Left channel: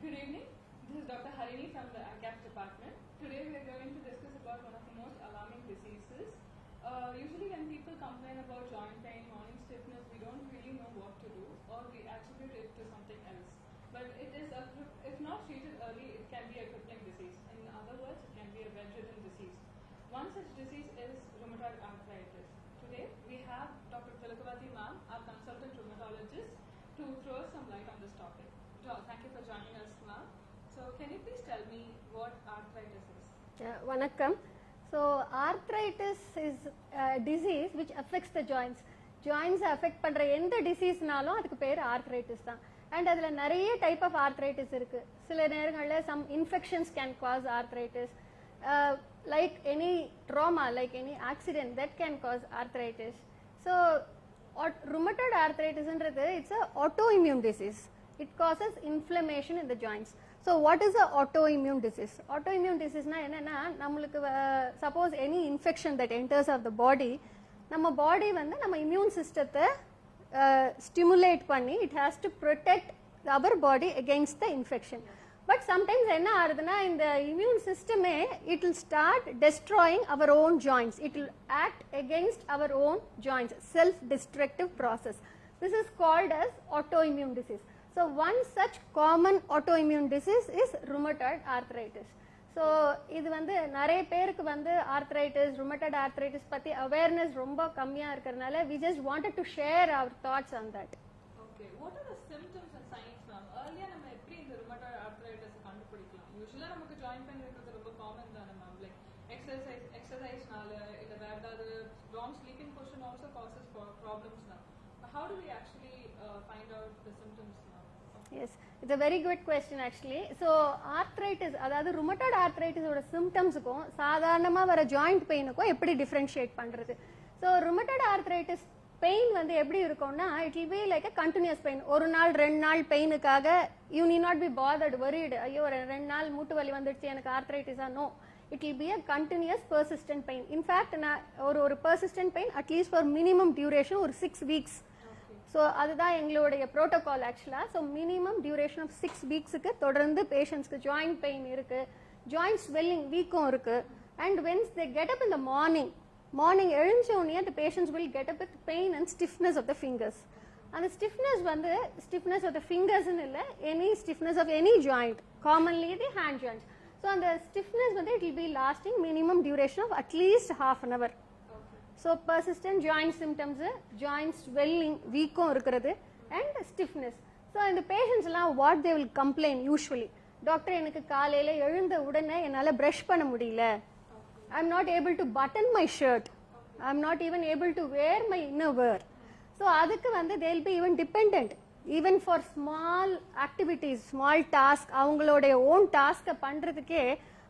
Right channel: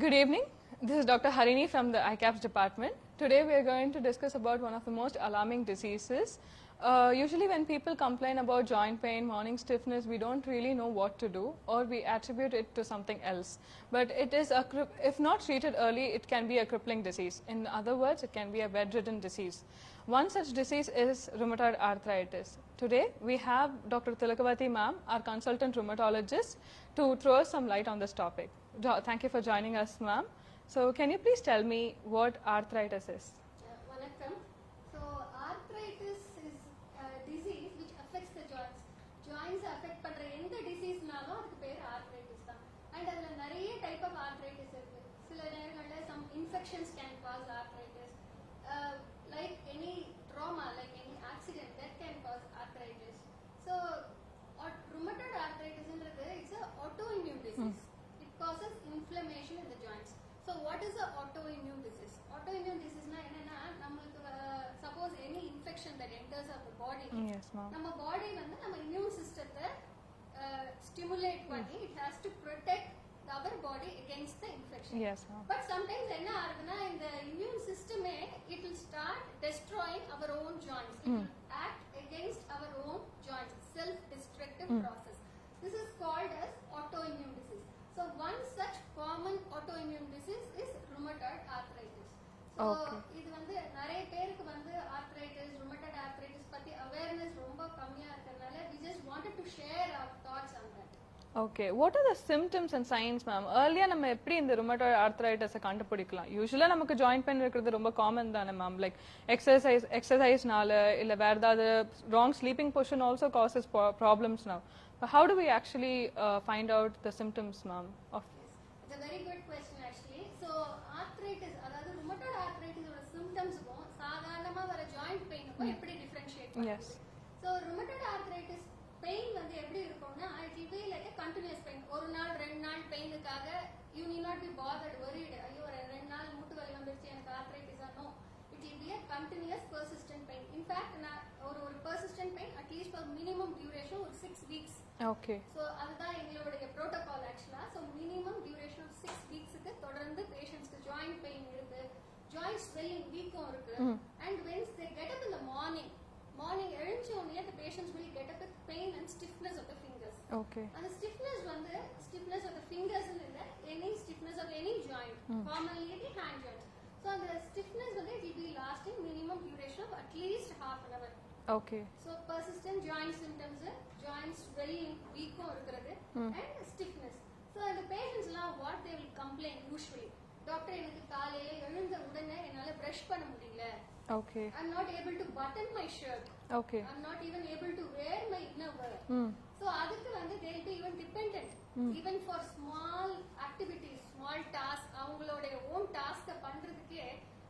Good evening. This is Dr. Harini from the ICAPS department. Today we are going to discuss about one of the most alarming diseases. Usually when people complain about joint pain, morning stiffness, we don't really know what to do, or we attribute it to something else. But it is, if not treated early, it can be a crippling disease. In other words, it can be a bedridden disease. One such disease is rheumatoid arthritis. Today we have Dr. Tilakavati ma'am, our consultant rheumatologist, to throw some light on this topic. Thank you for joining us, ma'am. So can you please tell me what arthritis is? Vanakkam. So arthritis is a disease which affects the joints. Joints affect பண்ற எந்த டிசீஸ்னாலும் அதுக்கு பேர் arthritis தான். And அதுல நிறைய type of arthritis இருக்கு. சில நேரங்கள்ல some infections can cause arthritis. Like any trauma, like any accident that can cause arthritis. So rheumatoid arthritis ன்றது it's a autoimmune disease. It causes inflammation in the joints. So what is a autoimmune disease? Autoimmune disease na enna nammulukku suppose any infection that enters of the body, நம்ம body வந்து நம்ம immune system stimulate பண்ணி it has to protect our body against the infection. Yes, but sometimes enna ஆகுதுன்னா இந்த immune system it will start destroying our own joints. It will act against our own joints, self destructive process. This is called as autoimmune disease. So one such common autoimmune disease is rheumatoid arthritis. So இது வந்து நிறைய பேருக்கு வந்து arthritis, rheumatoid arthritis பத்தி awareness ரொம்ப கம்மியா இருக்கறனால we just wanted to share our thoughts on that. Okay, what are the symptoms and signs, ma'am? Earlier நம்ம எப்படி இந்த rheumatoid arthritis கண்டுபிடிக்கலாம்? யூசுவலா நமக்கு joint pain இருக்கிறது ரொம்ப காமன் தானே ma'am, like exerciseனால இல்ல வேற ஏதாவது wrong sleeping position also causes problems now. But how do we actually find out the symptoms, ma'am? Yes, it's a very good question actually. So arthritis, அதாவது rheumatoid arthritis ஓட symptomsக்கும் சாதாரணமா வர joint painக்கும் எப்படி differentiate பண்றது? So rheumatoid arthritis pain வந்து எப்படி இருக்கும்னா it will be like a continuous pain. ஒரு நாள் ரெண்டு நாள் பெயினுக்காக you need not be bothered, worried. ஐயோ ரெண்டு நாள் மூட்டு வலி வந்துடுச்சு எனக்கு ஆர்த்ரைட்டிஸா? No, it will be a continuous persistent pain. In fact ஒரு persistent pain at least for minimum duration ஒரு 6 weeks. Okay. So அதுதான் எங்களுடைய protocol actually. So minimum duration of 6 weeksக்கு தொடர்ந்து patientsக்கு joint pain இருக்கு, joint swelling வீக்கம் இருக்கு. And once they get up in the morning எழுஞ்ச உடனே the patients will get up with pain and stiffness of the fingers. Okay. அந்த stiffness வந்து stiffness of the fingers இல்ல, any stiffness of any joint, commonly the hand joints. So அந்த stiffness வந்து it will be lasting minimum duration of at least half an hour. Okay. So persistent joint symptoms, joint swelling வீக்கம் இருக்கிறது and stiffness. So இந்த patients எல்லாம் what they will complain usually, doctor எனக்கு காலையில எழுந்த உடனே என்னால பிரஷ் பண்ண முடியல. Okay. I'm not able to button my shirt. Okay. I'm not even able to wear my innerwear. So அதுக்கு வந்து they'll be even dependent. Even for small activities, small task, அவங்களோட own task பண்றதுக்கே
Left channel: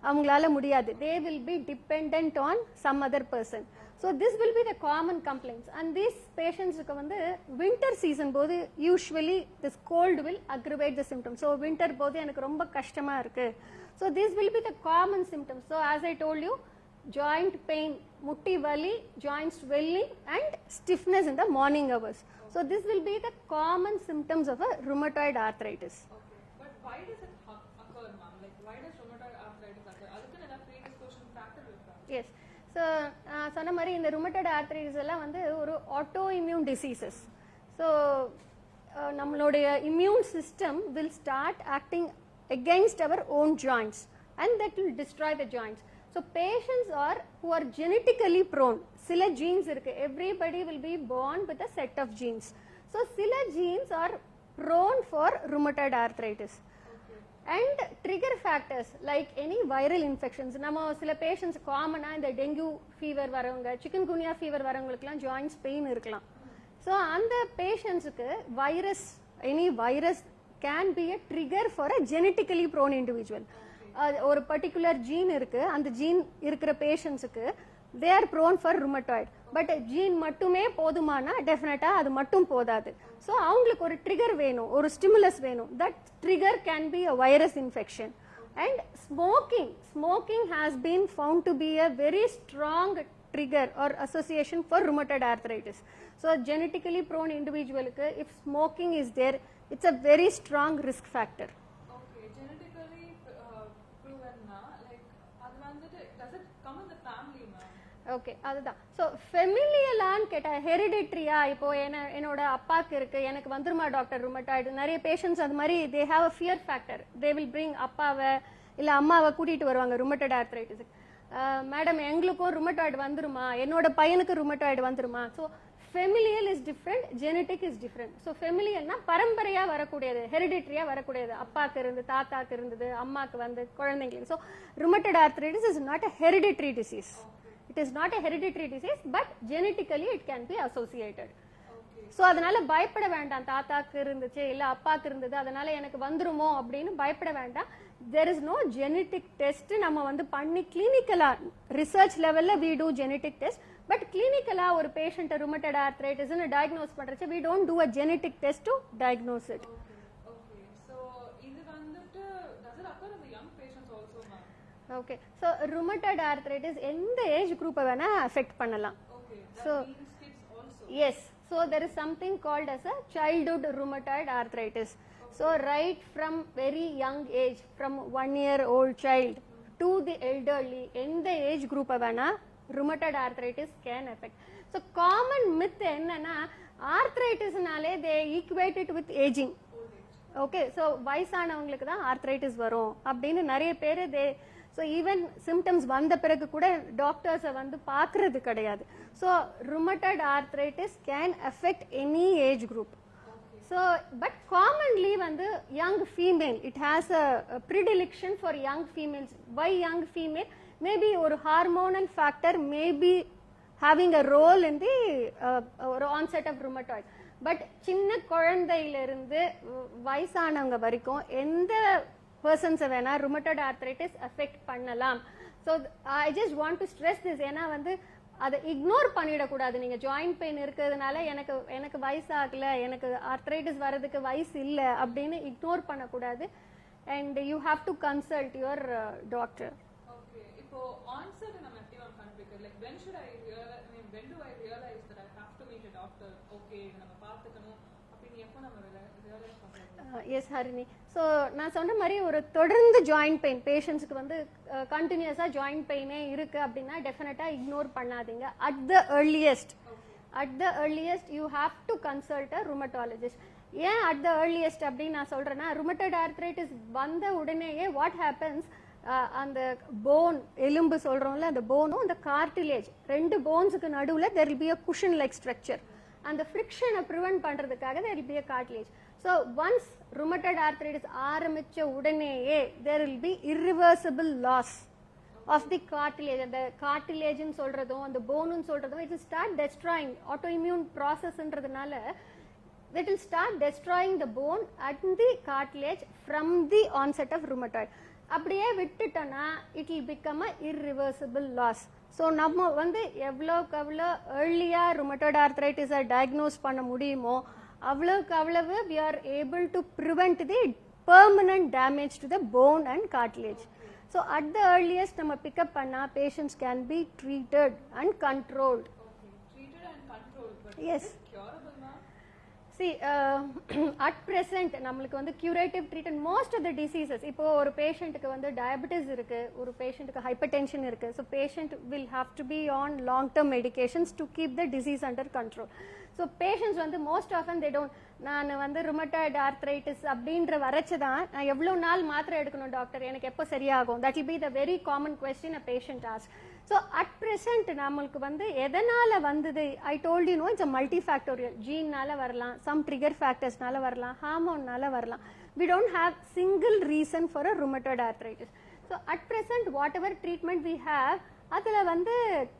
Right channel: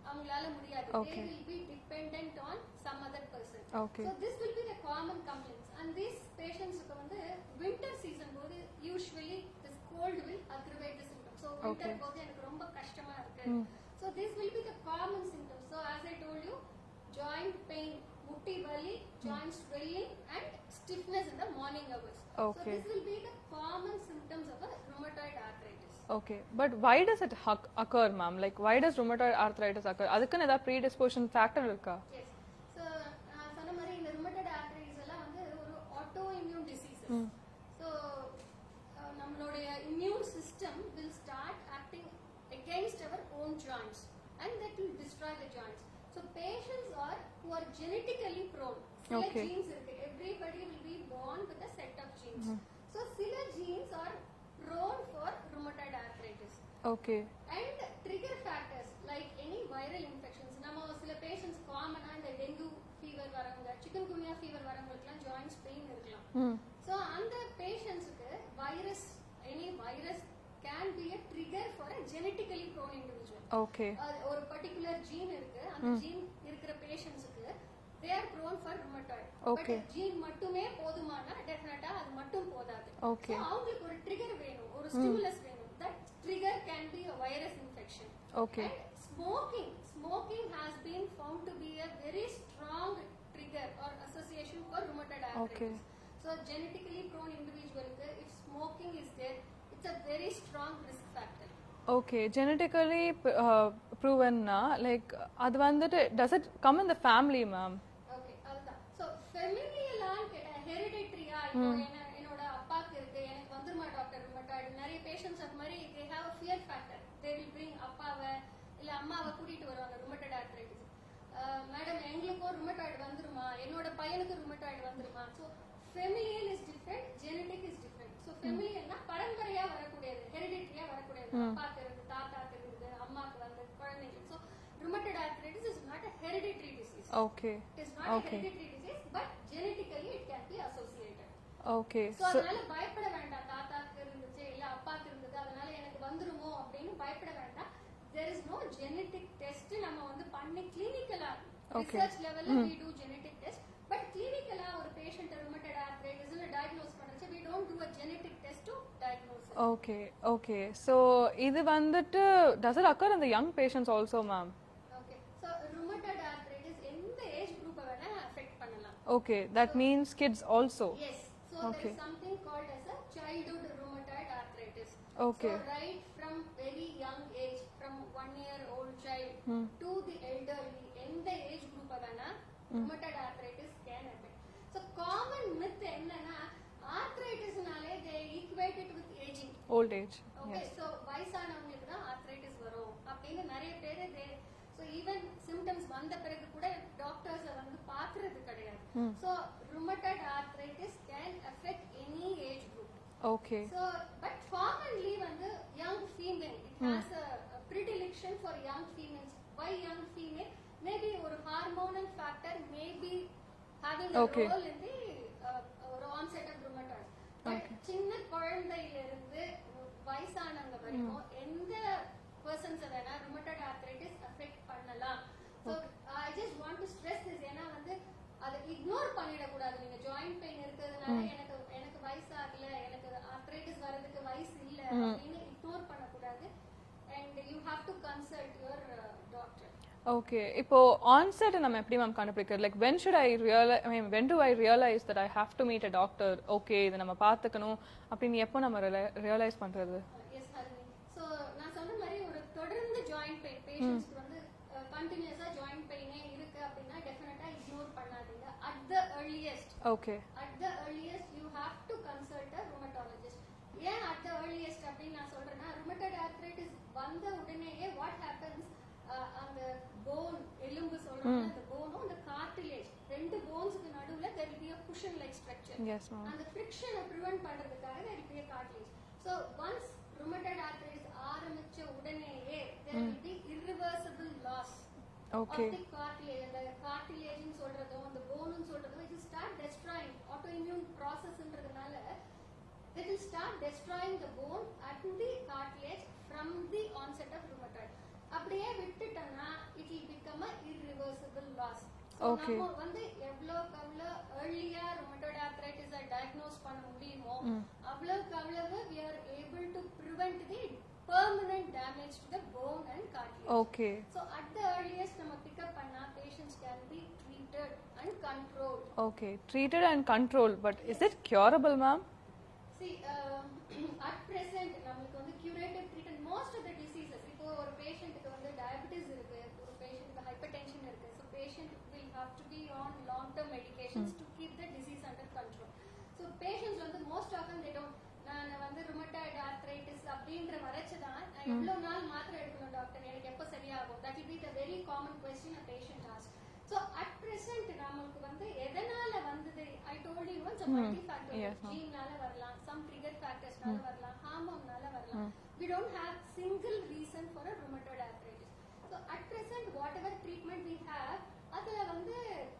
அவங்களால முடியாது. They will be dependent on some other person. Okay. So this will be the common complaints. And these patientsக்கு வந்து winter season போது usually this cold will aggravate the symptoms. So winter போது எனக்கு ரொம்ப கஷ்டமா இருக்கு. So these will be the common symptoms. So as I told you, joint pain, mutti vali, joint swelling and stiffness in the morning hours. Okay. So this will be the common symptoms of a rheumatoid arthritis. Okay, but why does it occur, ma'am? Like why does rheumatoid arthritis occur? அதுக்குன்னு ஏதாவது predisposition factor இருக்கா? Yes. So சொன்ன மாதிரி இந்த rheumatoid arthritis எல்லாம் வந்து ஒரு autoimmune diseases. So நம்மளுடைய immune system will start acting against our own joints and that will destroy the joints. So patients are who are genetically prone. Sila genes irukku. Everybody will be born with a set of genes. So sila genes are prone for rheumatoid arthritis. Okay. And trigger factors like any viral infections. நம்ம சில patients காமனா இந்த dengue fever வரவங்க, chikungunya fever வரவங்களுக்குலாம் joints pain இருக்கலாம். So அந்த patientsக்கு any virus can be a trigger for a genetically prone individual. Okay. ஒரு particular gene இருக்கு, அந்த gene இருக்கிற patientsக்கு they are prone for rheumatoid. But gene மட்டுமே போதுமானா டெஃபினட்டா அது மட்டும் போதாது. So அவங்களுக்கு ஒரு trigger வேணும், ஒரு stimulus வேணும். That trigger can be a virus infection. Okay. And smoking has been found to be a very strong trigger or association for rheumatoid arthritis. So genetically prone individual if smoking is there, it's a very strong risk factor. Okay, genetically proven na, like அது வந்துட்டு does it come in the family, ma'am? Okay அதுதான். So ஃபெமிலியலான்னு கேட்டா ஹெரிடிட்ரியா, இப்போ என்னோட அப்பாவுக்கு இருக்கு எனக்கு வந்துருமா டாக்டர் ருமட்டாய்டு, நிறைய பேஷண்ட்ஸ் அது மாதிரி they have a fear factor. They will bring அப்பாவை இல்ல அம்மாவை கூட்டிட்டு வருவாங்க ருமட்டட் ஆர்த்ரைட்டிஸ். மேடம் எங்களுக்கும் ருமட்டாய்டு வந்துருமா, என்னோட பையனுக்கு ருமட்டாய்டு வந்துருமா. So familial is different, genetic is different. So ஃபெமிலியல்னா பரம்பரையா வரக்கூடியது, ஹெரிடிட்ரியா வரக்கூடியது. அப்பாக்கு இருந்து தாத்தாக்கு இருந்தது, அம்மாக்கு வந்து குழந்தைங்களுக்கு. So rheumatoid arthritis is not a hereditary disease. Okay. It is not a hereditary disease, but genetically it can be associated. Okay. So அதனால பயப்பட வேண்டாம், தாத்தாக்கு இருந்துச்சு இல்ல அப்பாக்கு இருந்தது அதனால எனக்கு வந்துருமோ அப்படின்னு பயப்பட வேண்டாம். There is no genetic test நம்ம வந்து பண்ணி கிளினிக்கலா ரிசர்ச் லெவல்ல we do genetic test, but clinically ஒரு patient rheumatoid arthritis னு diagnose பண்றச்ச we don't do a genetic test to diagnose it. Okay, okay. So இது வந்துட்டு does it occur in the young patients also, ma'am? Okay, so rheumatoid arthritis எந்த age குரூப்பை வேணா affect பண்ணலாம். Okay, that means kids also. Yes, so there is something called as a childhood rheumatoid arthritis. Okay. So right from very young age, from 1 year old child to the elderly, எந்த age குரூப்பை வேணா rheumatoid arthritis can affect. So common myth என்னன்னா arthritisனாலே they equate it with aging, Old age. okay. So வயசானவங்களுக்கு தான் arthritis வரும் அப்படின்னு நிறைய பேர் ஸோ ஈவன் சிம்டம்ஸ் வந்த பிறகு கூட டாக்டர்ஸை வந்து பார்க்கறது கிடையாது. So rheumatoid arthritis can affect any age group. Okay. So but commonly வந்து young female it has a predilection for young females. Why young female? Maybe ஒரு hormonal factor maybe having a role in the ஒரு onset of rheumatoid. But சின்ன குழந்தையிலிருந்து வயசானவங்க வரைக்கும் எந்த பர்சன்ஸை வேணா rheumatoid arthritis affect பண்ணலாம். So I just want to stress this. ஏன்னா வந்து அதை இக்னோர் பண்ணிடக்கூடாது. நீங்க ஜாயிண்ட் பெயின் இருக்கிறதுனால எனக்கு வயசாகல, எனக்கு ஆர்த்ரைட்டிஸ் வர்றதுக்கு வயசு இல்லை அப்படின்னு இக்னோர் பண்ணக்கூடாது. And you have to consult your doctor. Okay, இப்போ onset நம்ம எப்படி மேம் கண்டுபிடிக்கிறது? Like when should I realize, I mean when do I realize that I have to meet a doctor? Okay, இதை நம்ம பார்த்துக்கணும் அப்படின்னு எப்போ நம்ம ரியலைஸ் பண்றது? எஸ் ஹரிணி. ஸோ நான் சொன்ன மாதிரி ஒரு தொடர்ந்து ஜாயிண்ட் பெயின் பேஷண்ட்ஸ்க்கு வந்து கண்டினியூஸா ஜாயிண்ட் பெயினே இருக்கு அப்படின்னா டெஃபினட்டா இக்னோர் பண்ணாதீங்க. At the earliest, okay, at the earliest you have to consult a rheumatologist. ஏன் அட் த ஏர்லியஸ்ட் அப்படின்னு நான் சொல்றேன்னா ருமட்டாய்டு ஆர்த்ரைட்டிஸ் வந்த உடனேயே வாட் ஹேப்பன்ஸ், அந்த போன் எலும்பு சொல்றோம்ல அந்த போனும் அந்த கார்டிலேஜ் ரெண்டு போன்ஸுக்கு நடுவுல there will be a cushion like structure. அந்த ஃபிரிக்ஷனை ப்ரிவென்ட் பண்றதுக்காக there will be a cartilage. So once rheumatoid arthritis ஆரம்பிச்ச உடனேயே there will be irreversible loss of the cartilage. அந்த cartilage ன்னு சொல்றதும் அந்த போனுன்னு சொல்றதும் it will start destroying autoimmune processன்றதுனால that will start destroying the bone and the cartilage from the onset of rheumatoid. அப்படியே விட்டுட்டோம்னா it will become a irreversible loss. So நம்ம வந்து எவ்வளோக்கு அவ்வளோ ஏர்லியா ருமட்டாய்டு ஆர்த்ரைட்டிஸை டயக்னோஸ் பண்ண முடியுமோ அவ்வளோக்கு அவ்வளவு we are able to prevent the permanent damage to the bone and cartilage. Okay. So at the earliest நம்ம பிக்கப் பண்ணா patients can be treated and controlled. Okay, treated and controlled, but is it curable, ma'am? See, at present நம்மளுக்கு வந்து curative treatment most of the diseases. இப்போ ஒரு பேஷண்ட்டுக்கு வந்து diabetes இருக்கு, ஒரு பேஷண்ட்டுக்கு ஹைப்பர்டென்ஷன் இருக்கு. So patient will have to be on long term medications to keep the disease under control. So patients வந்து மோஸ்ட் ஆஃபன் they don't, நான் வந்து ருமட்டாய்டு ஆர்த்ரைட்டிஸ் அப்படின்ற வரச்சுதான் நான் எவ்வளவு நாள் மாத்திரை எடுக்கணும் டாக்டர், எனக்கு எப்போ சரியாகும்? that will be the very common question a patient asks. So at present நம்மளுக்கு வந்து எதனால வந்தது, I told you, it's a multifactorial. ஜீன்னால வரலாம், some trigger factorsனால வரலாம், ஹார்மோன்னால வரலாம். We don't have single reason for a rheumatoid arthritis. So at present whatever treatment we have அதுல வந்து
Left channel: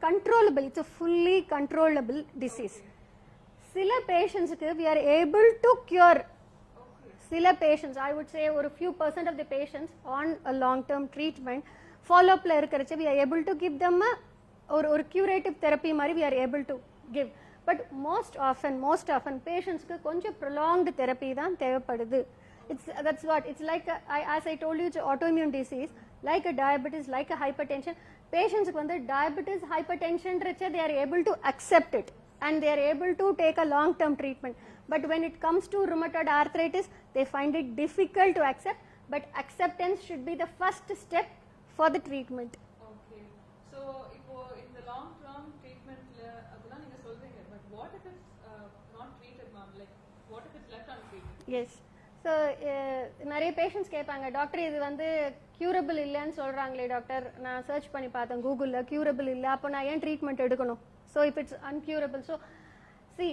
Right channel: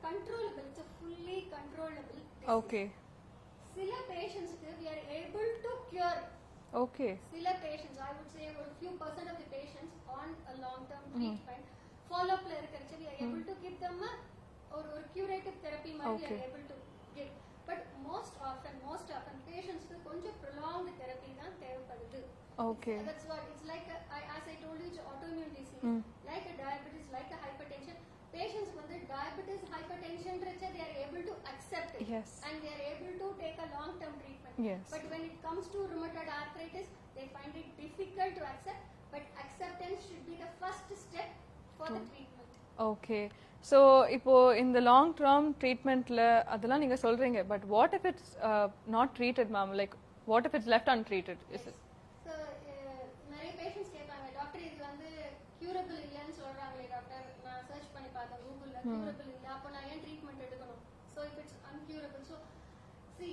controllable, it's a fully controllable disease. Okay. சில பேஷண்ட்ஸ்க்கு we are able to cure. Okay. சில patients I would say ஒரு few percent of the patients on a long term treatment follow up la irukarache we are able to give them ஒரு curative therapy மாதிரி we are able to give. But most often patients க்கு கொஞ்சம் prolonged therapy தான் தேவைப்படுது. That's what it's like as I told you, it's autoimmune disease, like a diabetes, like a hypertension. Patients க்கு வந்து diabetes, hypertension ரச்ச they are able to accept it. And they are able to take a long term treatment. But when it comes to rheumatoid arthritis they find it difficult to accept. but acceptance should be the first step for the treatment. Okay. So இப்போ இந்த long term ட்ரீட்மெண்ட்ல அதெல்லாம் நீங்க சொல்றீங்க but what if it's not treated ma'am like what if it's left untreated yes so நிறைய patients கேட்பாங்க doctor இது வந்து curable இல்லைன்னு சொல்றாங்களே டாக்டர் நான் சர்ச் பண்ணி பார்த்தேன் கூகுளில் க்யூரபிள் இல்லை அப்போ நான் ஏன் ட்ரீட்மெண்ட் எடுக்கணும் so if it's incurable so see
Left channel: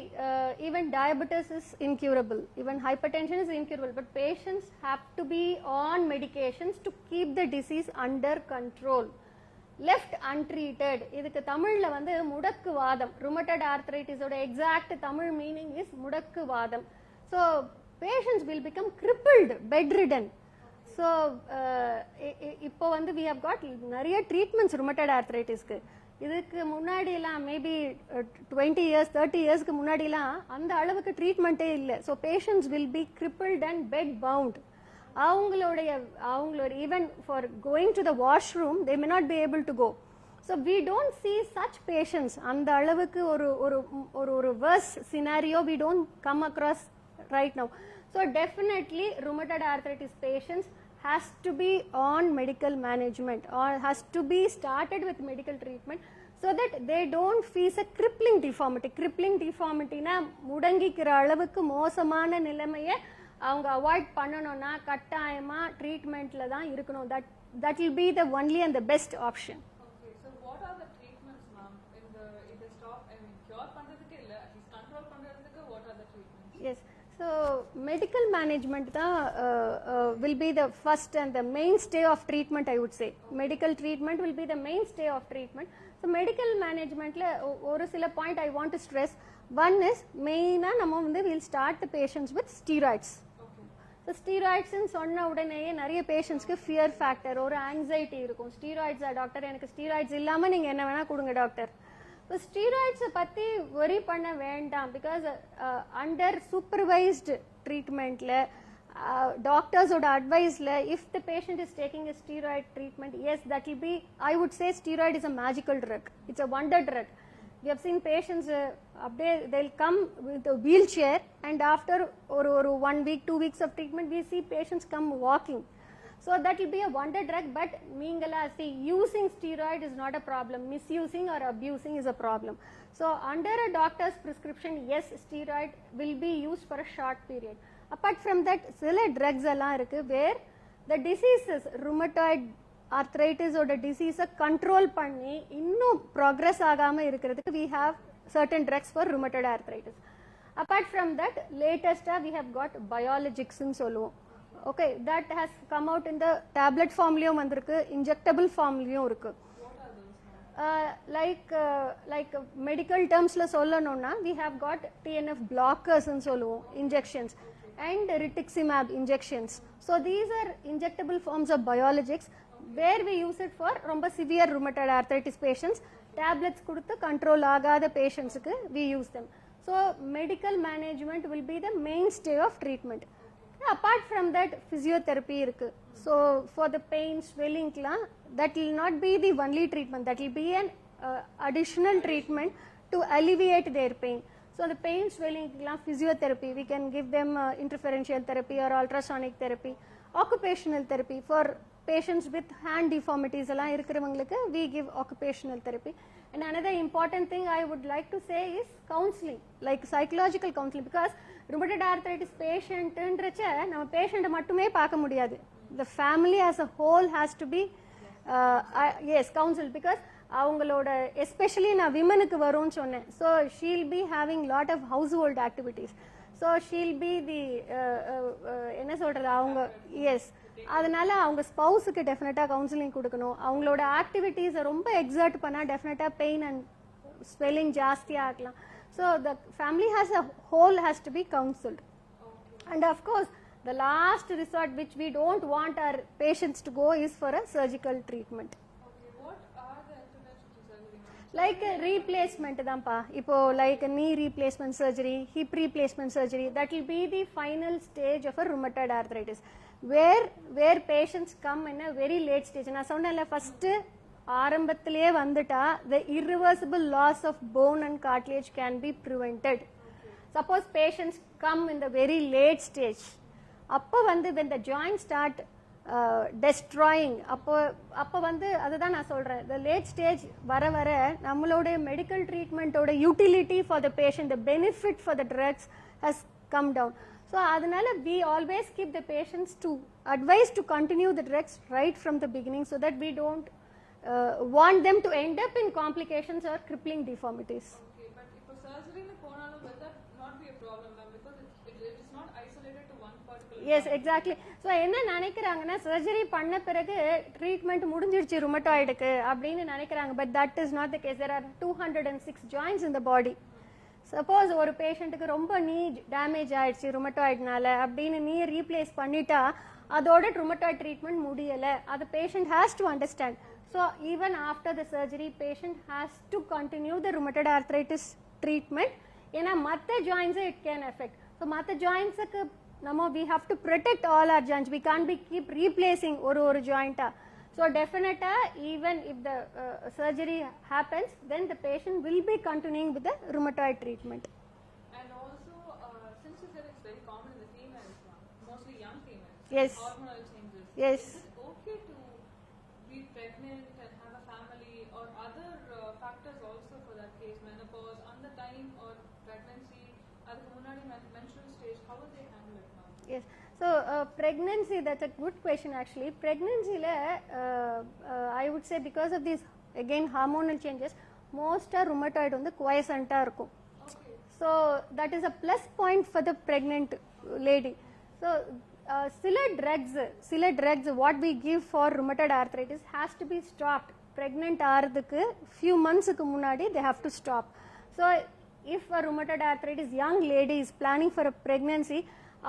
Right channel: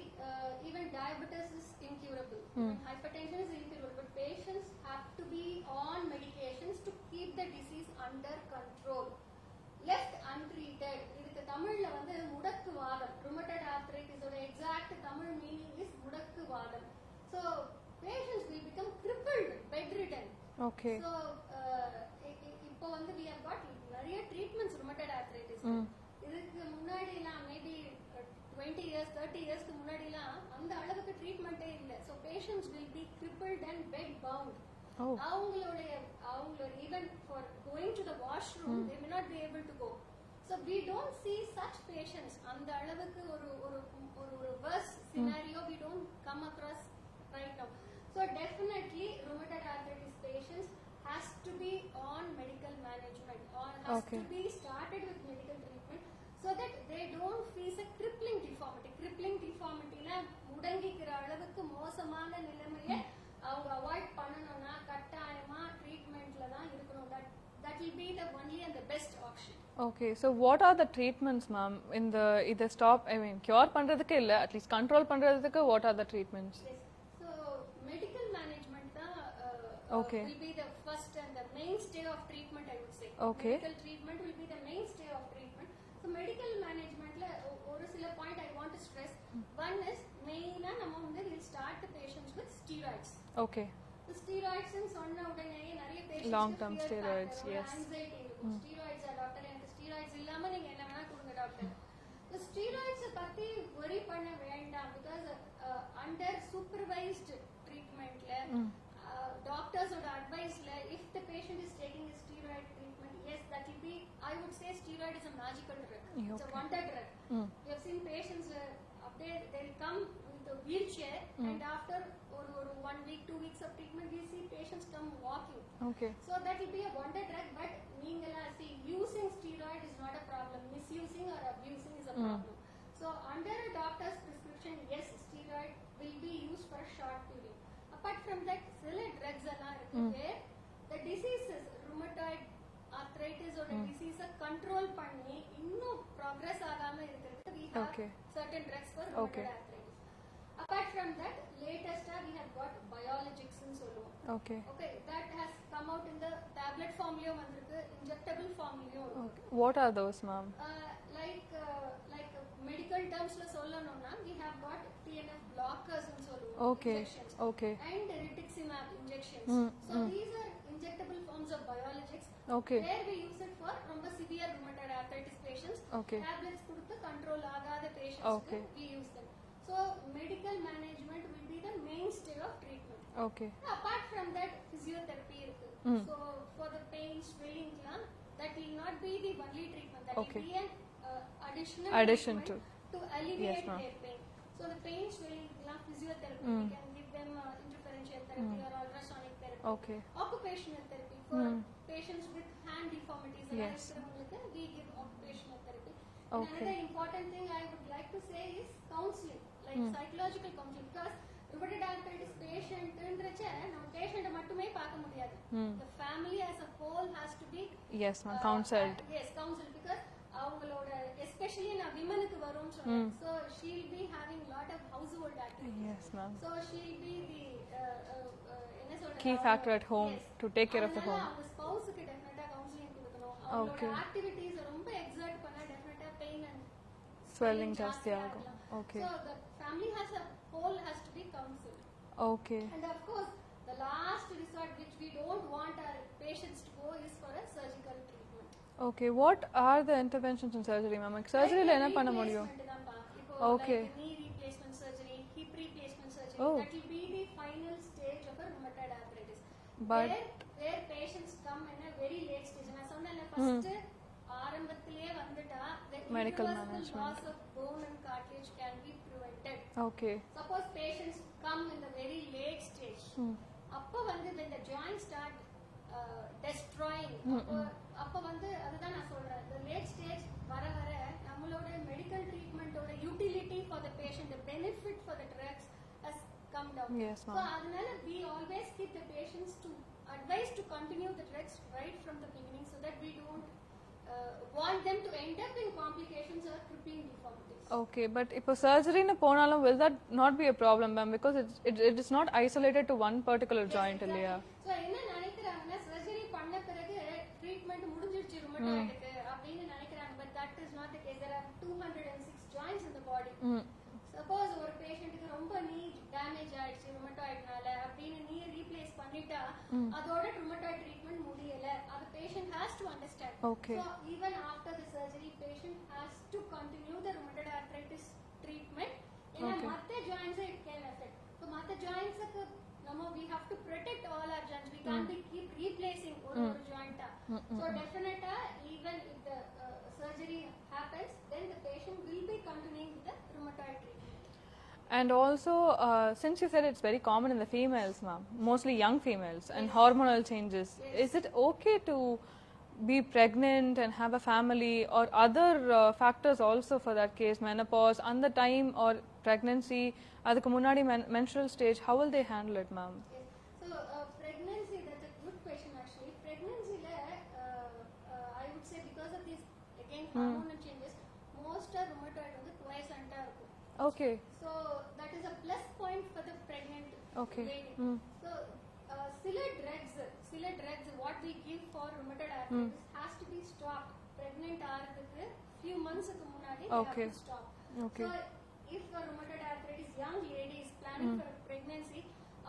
even diabetes is incurable, even hypertension is incurable, but patients have to be on medications to keep the disease under control. Left untreated, இதுக்கு தமிழ்ல வந்து முடக்கு வாதம், rheumatoid arthritis ஓட exact Tamil meaning is முடக்கு வாதம். So patients will become crippled, bedridden. Okay. So இப்போ வந்து we have got நிறைய treatments rheumatoid arthritisக்கு. இதுக்கு முன்னாடி எல்லாம் மேபி 20 இயர்ஸ் 30 இயர்ஸ்க்கு முன்னாடி எல்லாம் அந்த அளவுக்கு ட்ரீட்மெண்ட்டே இல்லை so patients will be crippled and bed bound அவங்களோட even for going to the washroom they may not be able to go so we don't see such patients அந்த அளவுக்கு ஒரு worse scenario we don't come across right now so definitely rheumatoid arthritis patients has to be on medical management or has to be started with medical treatment so that they don't face a crippling deformity na முடங்கிக்கிற அளவுக்கு மோசமான நிலைமையை அவங்க avoid பண்ணணும்னா கட்டாயமா ட்ரீட்மெண்ட்ல தான் இருக்கணும் that will be the only and the best option. Okay, so what are the treatments ma'am in the either stop I mean cure பண்றதுக்கு இல்ல at least control பண்றதுக்கு what are the treatments? Yes. So medical management will be the first and the mainstay of treatment I would say. Okay. Medical treatment will be the mainstay of treatment. So medical management la oru sila point I want to stress. One is main நம்ம வந்து we'll start the patients with steroids. Okay. So steroids ன்னு சொன்ன உடனே நிறைய பேஷண்ட்ஸ்க்கு fear factor ஒரு anxiety இருக்கும். Steroids doctor எனக்கு steroids இல்லாம நீங்க என்ன வேணா கொடுங்க டாக்டர். So steroids பத்தி worry பண்ண வேண்டாம் because under supervised treatmentல doctors oda advice la if the patient is taking a steroid treatment yes that will be I would say steroid is a magical drug. It's a wonder drug. We have seen patients they'll come with a wheelchair and after or 1 week 2 weeks of treatment we see patients come walking. Okay. So that will be a wonder drug but meengala see using steroid is not a problem, misusing or abusing is a problem. So under a doctor's prescription yes steroid will be used for a short period. Apart from that சில drugs எல்லாம் இருக்கு where the diseases rheumatoid arthritis ஓட disease control பண்ணி இன்னும் progress ஆகாம இருக்கிறதுக்கு we have certain drugs for rheumatoid arthritis. Apart from that latest we have got biologics ன்னு சொல்லுவோம். Okay, that has come out in the tablet formலயும் வந்திருக்கு, injectable formலயும் இருக்கு. What are those ma'am? Like medical termsல சொல்லணும்னா we have got TNF blockers ன்னு சொல்லுவோம், injections. And rituximab injections. So these are injectable forms of biologics where we use it for ரொம்ப severe rheumatoid arthritis patients. Tablets கொடுத்து control ஆகாத patientsக்கு we use them. So medical management will be the mainstay of treatment. Okay. Apart from that physiotherapy irukku. So for the pain swelling that will not be the only treatment, that will be an additional treatment to alleviate their pain. So the pain swelling physiotherapy we can give them interferential therapy or ultrasonic therapy. Occupational therapy for patients with hand deformities alla irukravungalukku we give occupational therapy. And another important thing I would like to say is counseling, like psychological counseling, because rheumatoid arthritis patient ன்றச்ச நம்ம patient மட்டுமே பார்க்க முடியாது. The family as a whole has to be counseled because அவங்களோட especially நான் விமனுக்கு வரும்னு சொன்னேன். So she'll be having lot of household activities. So she'll be the என்ன சொல்றது அவங்க அதனால அவங்க ஸ்பௌஸ்க்கு டெஃபினட்டா கவுன்சிலிங் கொடுக்கணும். அவங்களோட ஆக்டிவிட்டீஸ் ரொம்ப எக்ஸர்ட் பண்ணா டெஃபினட்டா பெயின் அண்ட் swelling ஜாஸ்தி ஆகலாம். So the family as a whole has to be counseled. Okay. And of course the last resort which we don't want our patients to go is for a surgical treatment. Okay, what are the interventions in surgery ma'am? Surgery la enna panna mudiyum? Replacement தான்ப்பா. இப்போ like knee replacement surgery, hip replacement surgery, that will be the final stage of a rheumatoid arthritis. Where patients come in a very late stage. நான் சொன்னேன்ல first ஆரம்பத்திலேயே வந்துட்டா the irreversible loss of bone and cartilage can be prevented. Okay. Suppose patients come in the very late stage. அப்ப வந்து when the joints start destroying. அப்போ வந்து அதுதான் நான் சொல்கிறேன், the லேட் ஸ்டேஜ் வர வர நம்மளோட மெடிக்கல் ட்ரீட்மெண்ட்டோட utility for the patient, the benefit for the drugs has come down. So அதனால we always keep the patients to advise to continue the drugs right from the beginning, so that we don't want them to end up in complications or crippling deformities. Okay, but if a surgery na ponalum, will that not be a problem, ma'am? Because it is not isolated to one particular yes, joint. Yes, exactly. So என்ன நினைக்கிறாங்கன்னா surgery பண்ண பிறகு treatment முடிஞ்சிருச்சு ருமட்டாய்டுக்கு அப்படின்னு நினைக்கிறாங்க. But that is not the case. There are 206 joints in the body. Suppose ஒரு பேஷண்ட்டுக்கு ரொம்ப நீ டேமேஜ் ஆயிடுச்சு ருமட்டாய்டுனால அப்படின்னு நீ ரீப்ளேஸ் பண்ணிட்டா அதோட ருமட்டாய்டு ட்ரீட்மெண்ட் முடியல. அது patient has to understand. So even after the surgery patient has to continue the rheumatoid arthritis treatment. ஏன்னா மற்ற ஜாயின்ஸை இட் கேன் எஃபெக்ட். ஸோ மற்ற ஜாயின்ஸுக்கு நம்ம we have to protect all our joints. We can't be keep replacing ஒரு joint. So definitely even if the surgery happens, then the patient will be continuing with the rheumatoid treatment. And also since you said it's very common in the females, ma'am, mostly young females, yes, and hormonal changes, yes, is it okay to be pregnant and have a family, or other factors also for that case, menopause and the time or pregnancy, adukku munadi menstrual stage, how will they handle it, ma'am? Yes, so pregnancy, that's a good question actually. Pregnancy la I would say because of these again hormonal changes, most rheumatoid வந்து quiescent ah irukum. Okay, so that is a plus point for the pregnant lady. So சில drugs what we give for rheumatoid arthritis has to be stopped. Pregnant ஆறதுக்கு few months க்கு முன்னாடி they have to stop. So if a rheumatoid arthritis young lady is planning for a pregnancy,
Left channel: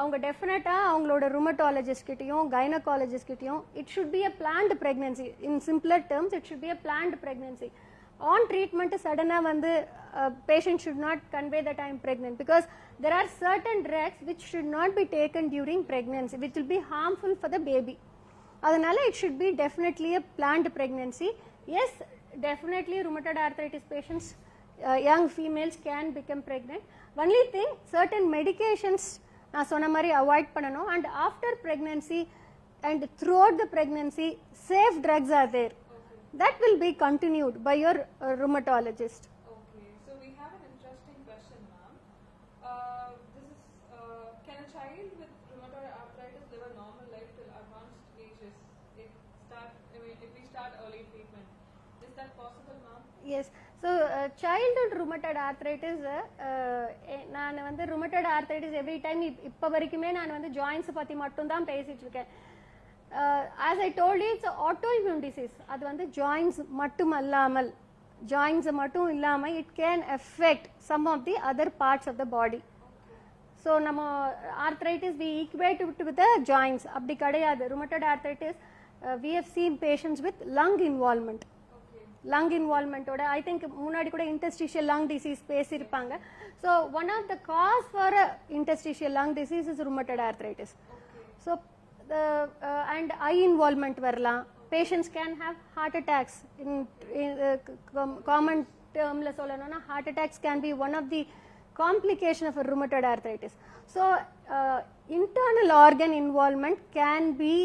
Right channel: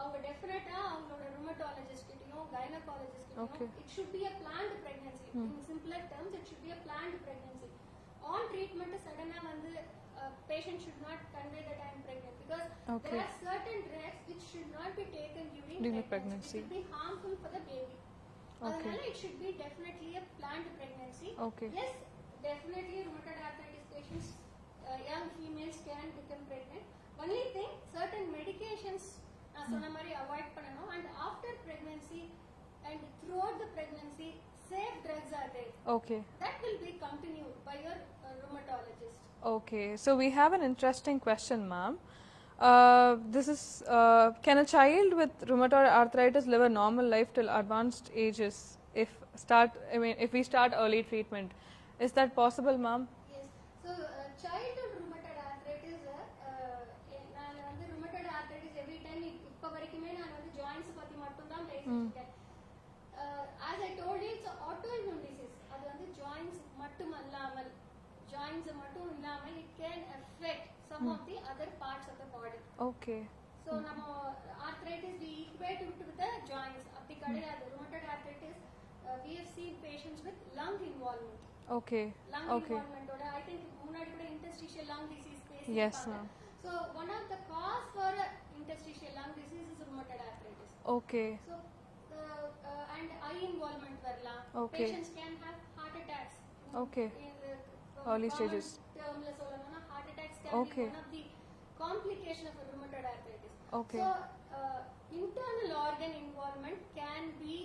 அவங்க டெஃபினட்டா அவங்களோட rheumatologist கிட்டயும் gynecologist கிட்டயும் it should be a planned pregnancy. In simpler terms, it should be a planned pregnancy. On treatment suddenly வந்து patient should not convey that I am pregnant, because there are certain drugs which should not be taken during pregnancy, which will be harmful for the baby. அதனால it should be definitely a planned pregnancy. Yes, definitely rheumatoid arthritis patients, young females can become pregnant. Only thing, certain medications நான் சொன்ன மாதிரி avoid பண்ணணும். And after pregnancy and throughout the pregnancy, safe drugs are there. Okay, That will be continued by your rheumatologist. okay, so we have an interesting question, ma'am. This is can a child with rheumatoid arthritis live a normal life till advanced ages if we start early treatment? Is that possible, ma'am? Yes. So childhood rheumatoid arthritis, நான் வந்து rheumatoid arthritis every time இப்போ வரைக்குமே நான் வந்து joints பத்தி மட்டும் தான் பேசிட்டு இருக்கேன். As I told you, it's an autoimmune disease. அது வந்து joints மட்டும் அல்லாமல், joints மட்டும் இல்லாம it can affect some of the other parts of the body. Okay, So நம்ம arthritis we equate it with the joints. அப்படி கிடையாது. Rheumatoid arthritis we have seen patients with lung involvement. okay, Lung involvement oda I think முன்னாடி கூட interstitial lung disease பேசிருப்பாங்க. So one of the cause for interstitial lung disease is rheumatoid arthritis. okay, So and eye involvement வரலாம். Patients can have heart attacks. In common term la சொல்லணும்னா heart attacks can be one of the complication of a rheumatoid arthritis. So internal organ involvement can be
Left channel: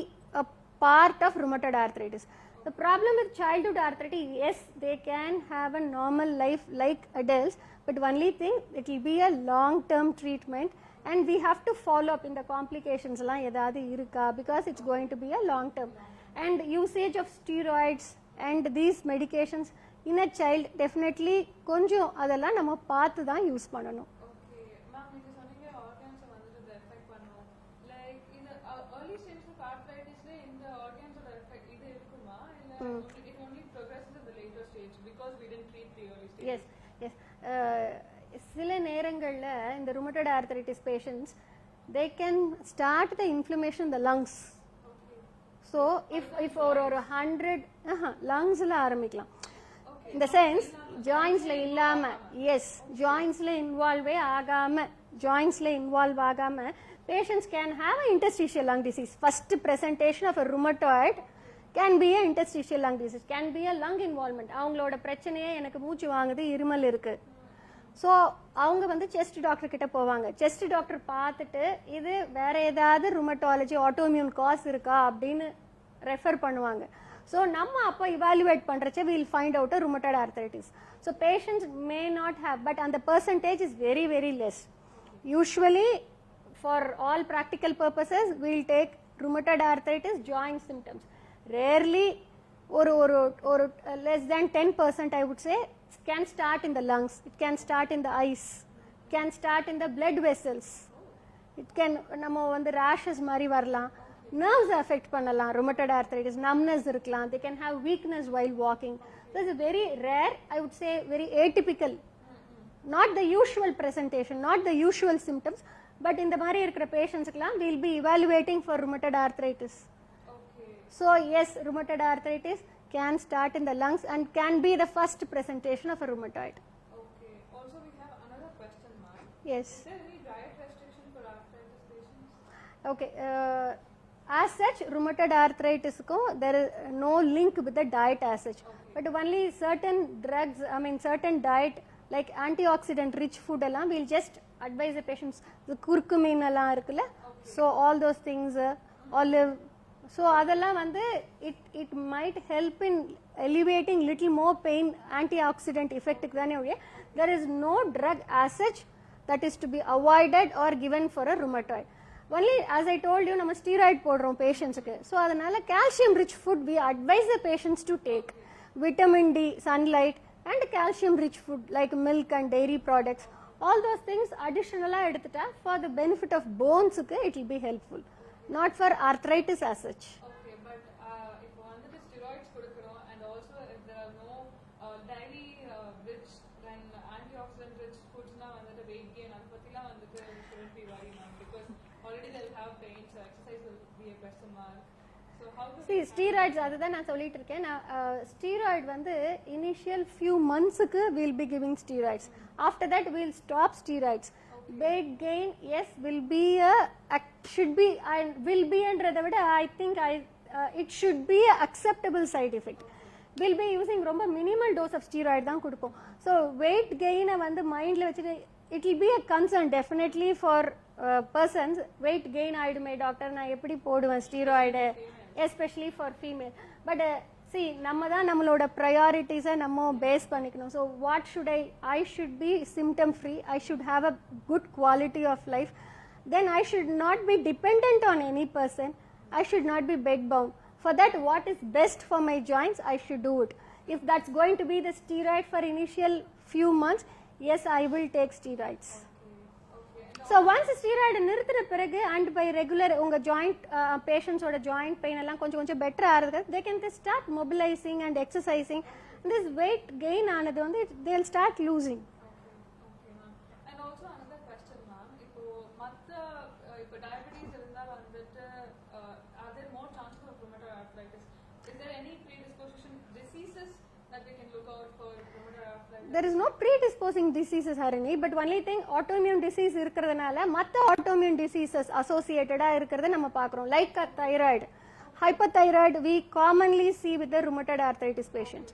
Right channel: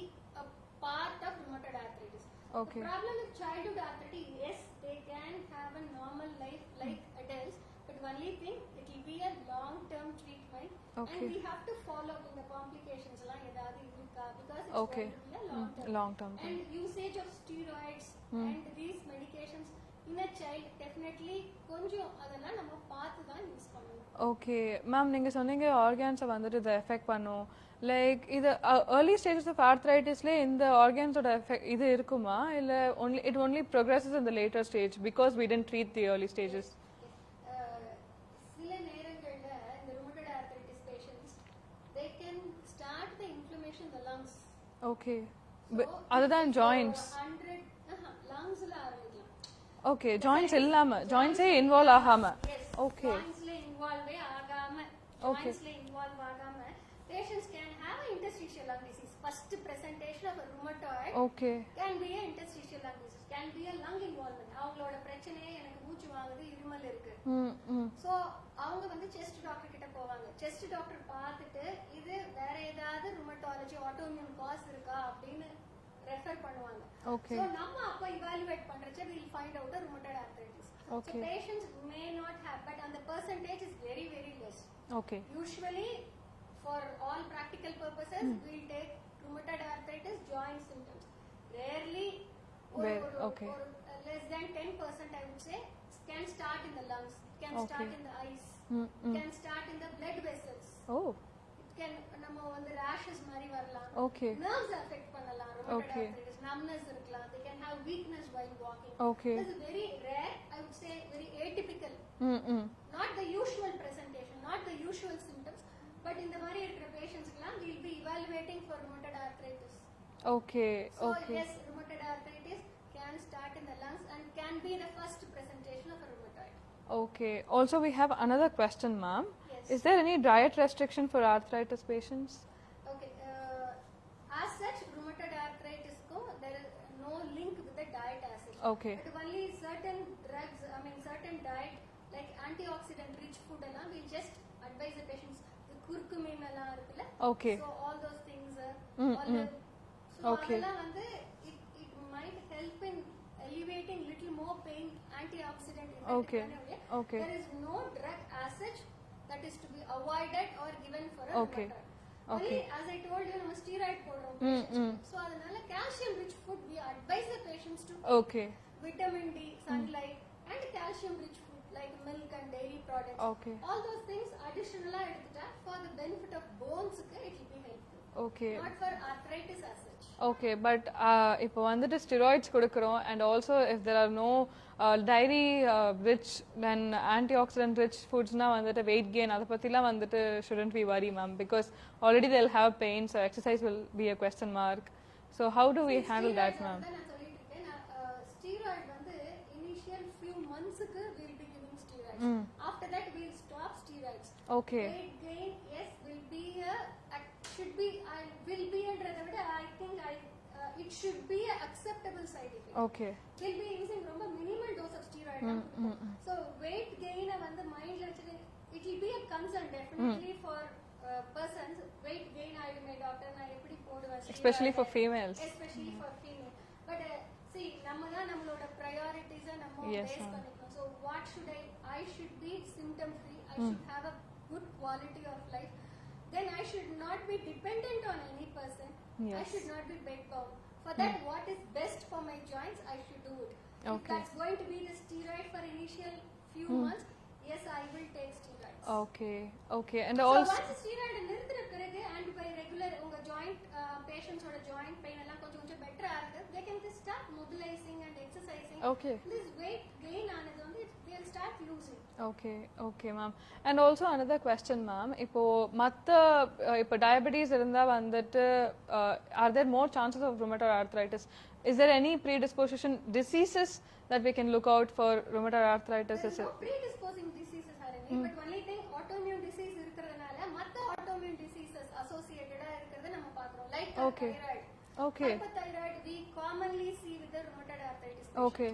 a part of rheumatoid arthritis. The problem with childhood arthritis, yes, they can have a normal life like adults, but only thing, it will be a long term treatment. And we have to follow up in the complications la edavadhu iruka, because it's going to be a long term. And usage of steroids and these medications in a child, definitely கொஞ்சம் அதெல்லாம் நம்ம பார்த்து தான் use பண்ணணும். Okay, ma'am, நீங்க சொன்னீங்க organs வந்துட்டு இதை எஃபெக்ட் பண்ணும். லைக் இது early stages of arthritisல இந்த organs-ஓட எஃபெக்ட் இது இருக்குமா, இல்ல it only progresses in the later stage because we didn't treat the early stages? Yes. சில நேரங்கள்ல இந்த rheumatoid arthritis patients, they can start the inflammation in the lungs. Okay, So அதுதான் joints. 100 lungsல ஆரம்பிக்கலாம். Okay, joints இல்லாம, joints involve ஆகாம. Yes, jointsல involve ஆகாம, jointsல involve ஆகாம patients can have an interstitial lung disease. First presentation of a rheumatoid Okay. can be a interstitial lung disease, can be a lung involvement. அவங்களோட பிரச்சனையே எனக்கு மூச்சு வாங்குது, இருமல் இருக்கு. ஸோ அவங்க வந்து செஸ்ட் டாக்டர் கிட்ட போவாங்க. செஸ்ட் டாக்டர் பார்த்துட்டு இது வேற ஏதாவது ருமட்டாலஜி ஆட்டோமியூன் காஸ் இருக்கா அப்படின்னு ரெஃபர் பண்ணுவாங்க. ஸோ நம்ம அப்போ இவாலுவேட் பண்றச்ச will find out a rheumatoid arthritis. So patients may not have, but அந்த percentage is very very less. Okay. Usually for all practical purposes we'll take rheumatoid arthritis joint symptoms. Rarely or less than 10% I would say can start in the lungs, it can start in the eyes, it can start in the blood vessels. Oh. It can நம்ம வந்து rashes மாதிரி வரலாம். Okay. Nerves affect பண்ணலாம். rheumatoid arthritis numbness இருக்கலாம். They can have weakness while walking. Okay. This is very rare, I would say very atypical. Not the usual presentation, not the usual symptoms, but in the மாதிரி இருக்கிற பேஷண்ட்ஸ்க்குலாம் we'll be evaluating for rheumatoid arthritis. Okay. So yes, rheumatoid arthritis can start in the lungs and can be the first presentation of a rheumatoid. Okay. Also, we have another question, ma'am. Yes. Is there any diet restriction for arthritis patients? Okay. As such, rheumatoid arthritis there is no link with the diet as such. Okay. But only certain drugs, I mean certain diet like antioxidant rich food allam we'll just advise the patients. The curcumin allam irukla. Okay. So all those things, olive. So அதெல்லாம் வந்து it might help in alleviating little more pain, antioxidant effect தானே ஒழிய there is no drug as such that is to be avoided or given for a rheumatoid. Only as I told you நம்ம steroid போடுறோம் patientsக்கு. So அதனால calcium rich food we advise the patients to take. Okay. Vitamin D, sunlight and calcium rich food like milk and dairy products. Okay. All those things additionally எடுத்துட்டா for the benefit of bones it will be helpful. Okay. Not for arthritis as such. Okay, but இப்போ வந்துட்டு steroids கொடுக்குறோம் and also if there are no dairy rich then antioxidant rich foods na வந்துட்டு weight gain அத பத்திலாம் வந்துட்டு shouldn't be worry ma'am, because already they'll have pain, so exercise will be a question mark. So how do we handle steroids that? அதுதான் நான் சொல்லிட்டு இருக்கேன். steroid வந்து initial few monthsக்கு we'll be giving steroids. After that we'll stop steroids. Okay. Weight gain yes will be should be and will be என்றதை விட I think it should be a acceptable side effect. Okay. We'll be using ரொம்ப minimal dose of steroid தான் கொடுப்போம். So weight gain வந்து மைண்ட்ல வச்சிட்டு it will be a concern definitely for persons. Weight gain ஆயிடுமே doctor, நான் எப்படி போடுவேன் steroid, especially for female. But see நம்ம தான் நம்மளோட priorities நம்ம பேஸ் பண்ணிக்கணும். So what should I should be symptom free, I should have a good quality of life, then I should not be dependent on any person. I should not be bed bound. For that what is best for my joints I should do it. If that's going to be the steroid for initial few months, yes I will take steroids. Okay. Okay. And so once steroid நிறுத்தின பிறகு and by regular உங்க joint patients ஓட joint pain எல்லாம் கொஞ்சம் better ஆகுது, they can start mobilizing and exercising. Okay. This weight gain ஆனது வந்து they'll start losing. Okay. Okay ma'am. And also another question ma'am, இப்போ மத்த இப்போ diabetes இருந்தா வந்துட்டு are there more chances of rheumatoid arthritis? Is there any predisposition diseases that we can look out for rheumatoid arthritis? There is no predisposing diseases Harini, but only thing autoimmune disease இருக்கிறதுனால மத்த autoimmune diseases associated-ஆ இருக்கிறத நம்ம பார்க்கறோம், like thyroid. Hypothyroid we commonly see with the rheumatoid arthritis patients. Okay.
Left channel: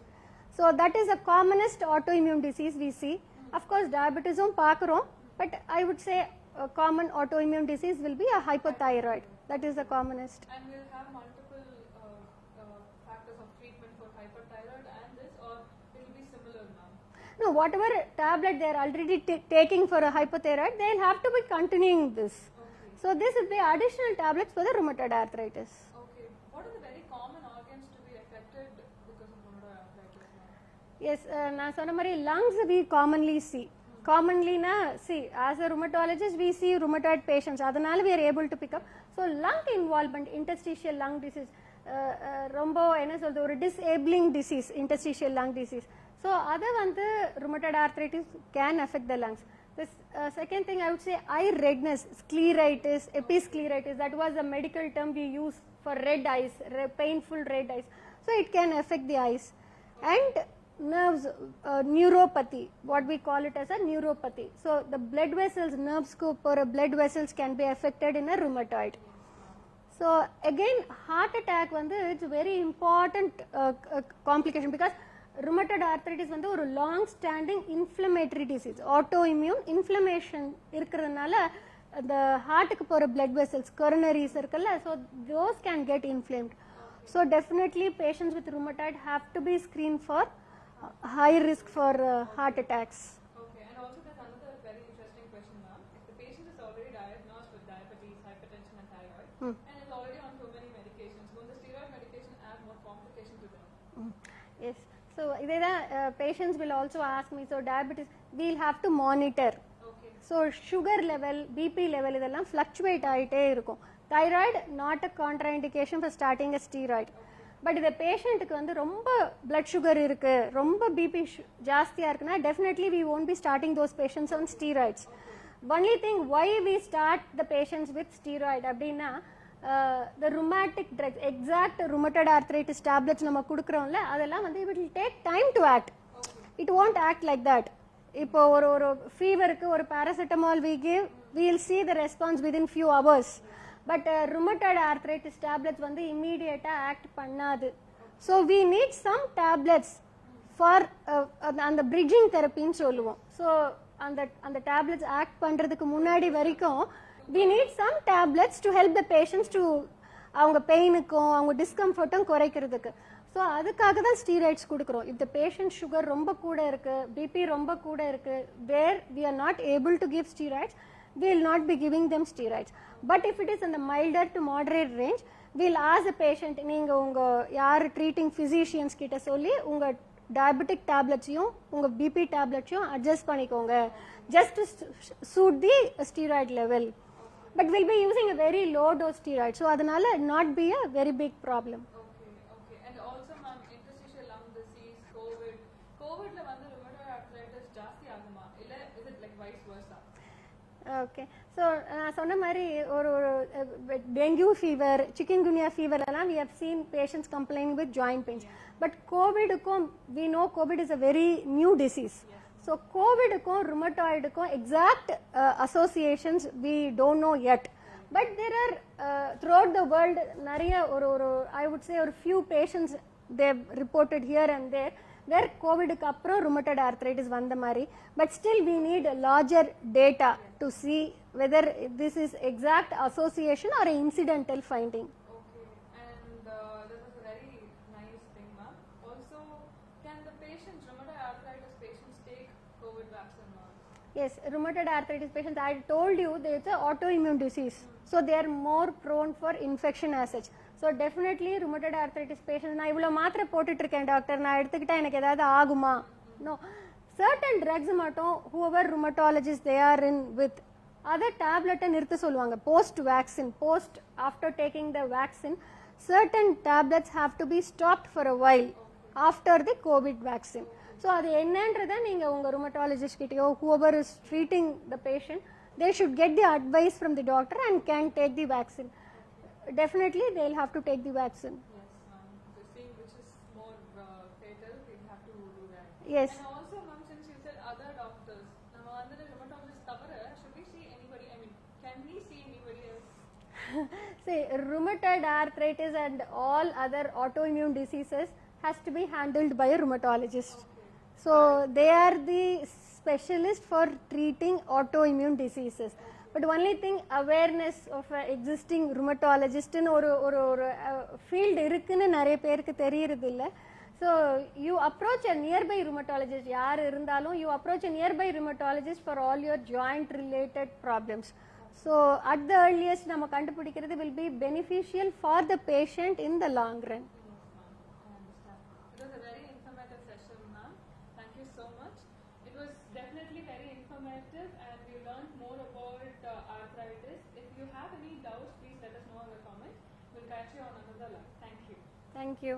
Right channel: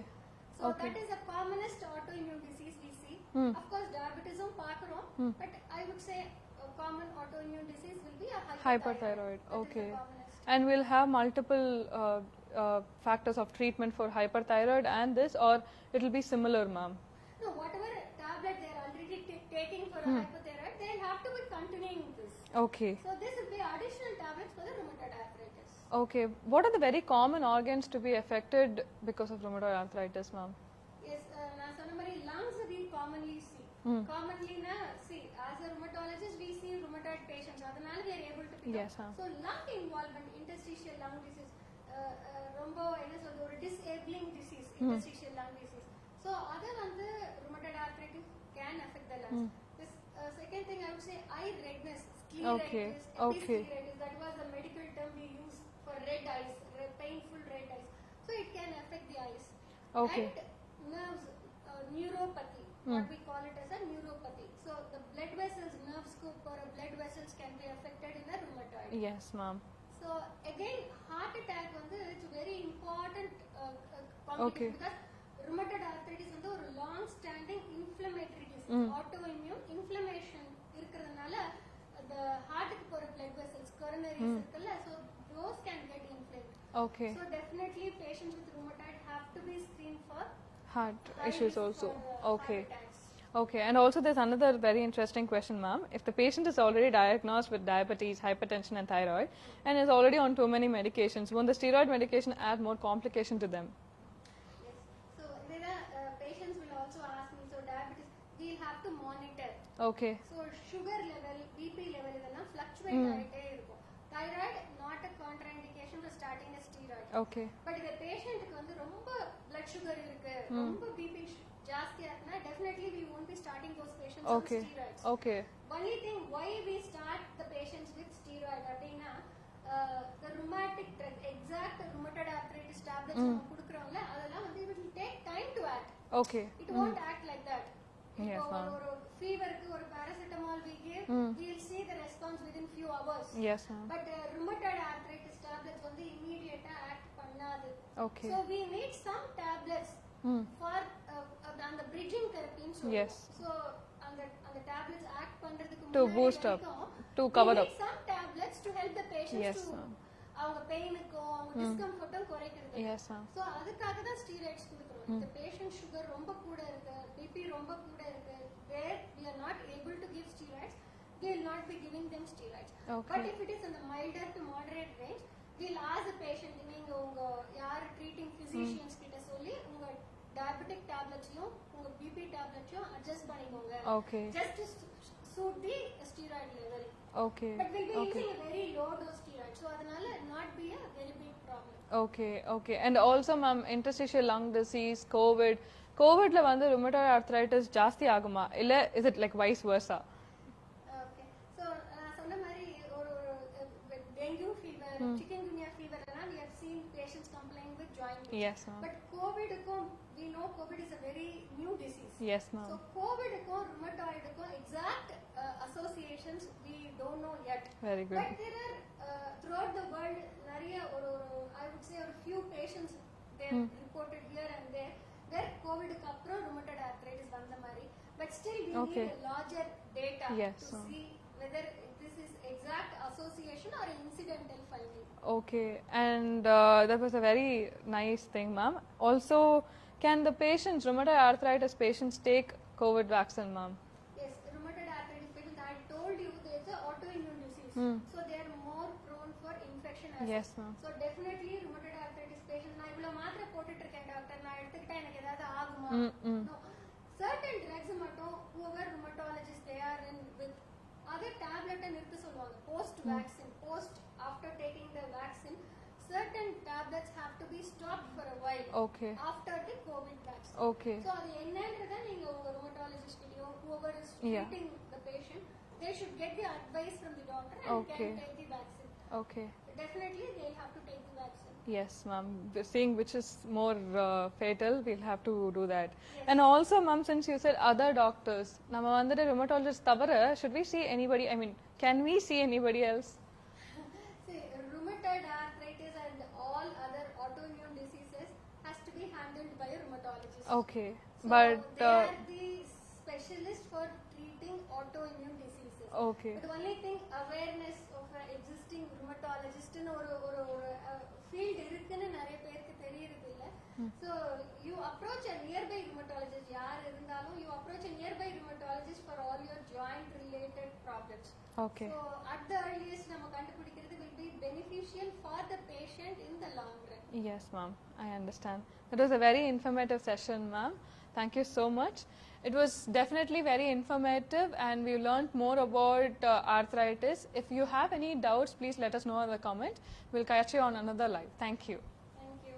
So that is the commonest autoimmune disease we see. Of course diabetes பார்க்கறோம், but I would say a common autoimmune disease will be a hypothyroid. That is the commonest. And we'll have multiple factors of treatment for hyperthyroid and this, or it will be similar ma'am? No, whatever tablet they are already taking for a hypothyroid, they will have to be continuing this. Okay. So this will be additional tablets for the rheumatoid arthritis. Okay. What are the very common organs to be affected because of rheumatoid arthritis ma'am? Yes, நான் சொன்ன மாதிரி lungs we commonly see. Commonly na see, as a rheumatologist we see rheumatoid patients, அதனால we are able to pick up. So lung involvement, interstitial lung disease, ரொம்ப என்ன சொல்றது, ஒரு disabling disease, interstitial lung disease. So other வந்து rheumatoid arthritis can affect the lungs. This second thing I would say eye redness, scleritis, episcleritis, that was a medical term we use for red eyes, painful red eyes. So it can affect the eyes. And nerves, neuropathy, what we call it as a neuropathy. So the blood vessels, nerves or blood vessels can be affected in a rheumatoid. Yes, ma'am. So again, heart attack it's very important complication because rheumatoid arthritis ஒரு long standing inflammatory disease, autoimmune inflammation இருக்கிறதுனால the heart-க்கு போற blood vessels, coronaries இருக்குல்ல, so those can get inflamed. Okay. So definitely patients with rheumatoid have to be screened for high risk also. for Okay. heart attacks. Okay, and also there's another very interesting question, ma'am. If the patient is already diagnosed with diabetes, hypertension and thyroid and is already on too many medications, won't the steroid medication add more complication to them? Yes. So patients will also ask me, so diabetes, we'll have to monitor. Okay. So sugar level, BP level இதெல்லாம் fluctuate ஆயிட்டே இருக்கும். Thyroid not a contraindication for starting a steroid. Okay. But இந்த பேஷண்ட்டுக்கு ரொம்ப blood sugar இருக்கு, ரொம்ப BP ஜாஸ்தியா இருக்குன்னா definitely we won't be starting those patients on steroids. Okay. Only thing why we start the patients with steroid அப்படின்னா the rheumatic drugs, exact rheumatoid arthritis tablets நம்ம குடுக்குறோம்ல, அதெல்லாம் it will take time to act. Okay. It won't act like that. இப்போ ஒரு ஃபீவருக்கு ஒரு paracetamol we give, we will see the response within few hours. Yes. But rheumatoid arthritis tablets immediate act பண்ணாது. Okay. So we need some tablets for அந்த bridging therapy ன்னு சொல்லுவோம். So அந்த tablets act பண்றதுக்கு முன்னாடி வரைக்கும் we need some tablets to help the patients to அவங்க பெயினுக்கும் அவங்க டிஸ்கம்ஃபர்ட்டும் குறைக்கிறதுக்கு. ஸோ அதுக்காக தான் ஸ்டீராய்ட்ஸ் கொடுக்குறோம். if the patient sugar ரொம்ப கூட இருக்கு, பிபி ரொம்ப கூட இருக்கு, where we are not able to give steroids, we will not be giving them steroids. But if it is in the milder to moderate range, we'll ask the patient, நீங்க உங்க யார் treating physicians கிட்ட சொல்லி உங்க diabetic tablets-யும் உங்க BP tablets-யும் adjust பண்ணிக்கோங்க. Just to suit the steroid level. Okay. But we'll be using a very low dose steroid. So அதனால not be a very big problem. Okay, okay. And also ma'am, interstitial lung disease, COVID la rheumatoid arthritis ஜாஸ்தி ஆகுமா இல்ல is it like vice versa? Okay. So நான் சொன்ன மாதிரி ஒரு dengue fever, chikungunya fever எல்லாம் we have seen patients complaining with joint pain. Yes, but COVID-க்கும் we know COVID is a very new disease. Yes, ma'am. So COVID-க்கும் rheumatoid-க்கும் exact associations we don't know yet. Very good. But there are throughout the world நிறைய ஒரு I would say ஒரு few patients they have reported here and there where COVID-க்கு அப்புறம் rheumatoid arthritis வந்த மாதிரி. But still we need larger data to see whether this is exact association or an incidental finding. Okay, and that was a very nice thing, ma'am. Also, can the patients, rheumatoid arthritis patients, take COVID vaccine, ma'am? Yes, rheumatoid arthritis patients, I told you it's an autoimmune disease. So they are more prone for infection as such. So definitely rheumatoid arthritis patients, நான் இவ்வளவு மாத்திரை போட்டுட்டு இருக்கேன் doctor, நான் எடுத்துக்கிட்டா எனக்கு ஏதாவது ஆகுமா? No. Certain drugs மட்டும் whoever rheumatologist they are in with, other tablet நிறுத்த சொல்லுவாங்க. Post vaccine, after taking the vaccine, certain tablets have to be stopped for a while after the COVID vaccine. So அது என்னன்றதை நீங்க உங்க rheumatologist கிட்டயோ whoever is treating the patient, they should get the advice from the doctor and can take the vaccine. Okay. Definitely they'll have to take the vaccine. Yes, ma'am. Seeing which is more fatal, we'll have to do that. Yes. And also, ma'am, since you said other doctors, நம்ம rheumatologist தவிர, should we see anybody? I mean, can we see anybody else? See, rheumatoid arthritis and all other autoimmune diseases has to be handled by a rheumatologist. Okay. So they are the specialist for treating autoimmune diseases. Okay. But only thing, awareness of existing rheumatologist in ஒரு field இருக்குன்னு நிறைய பேருக்கு தெரியறது இல்ல. So you approach a nearby rheumatologist, யார் இருந்தாலும் you approach a nearby rheumatologist for all your joint related problems. Okay. So at the earliest நம்ம கண்டுபிடிக்கிறது will be beneficial for the patient in the long run. Yes, ma'am. I understand. It was a very informative session, ma'am. Thank you so much. It was definitely very informative and we learned more about arthritis. If you have any doubts, please let us know in the comment. We'll catch you on another live. Thank you. Thank you.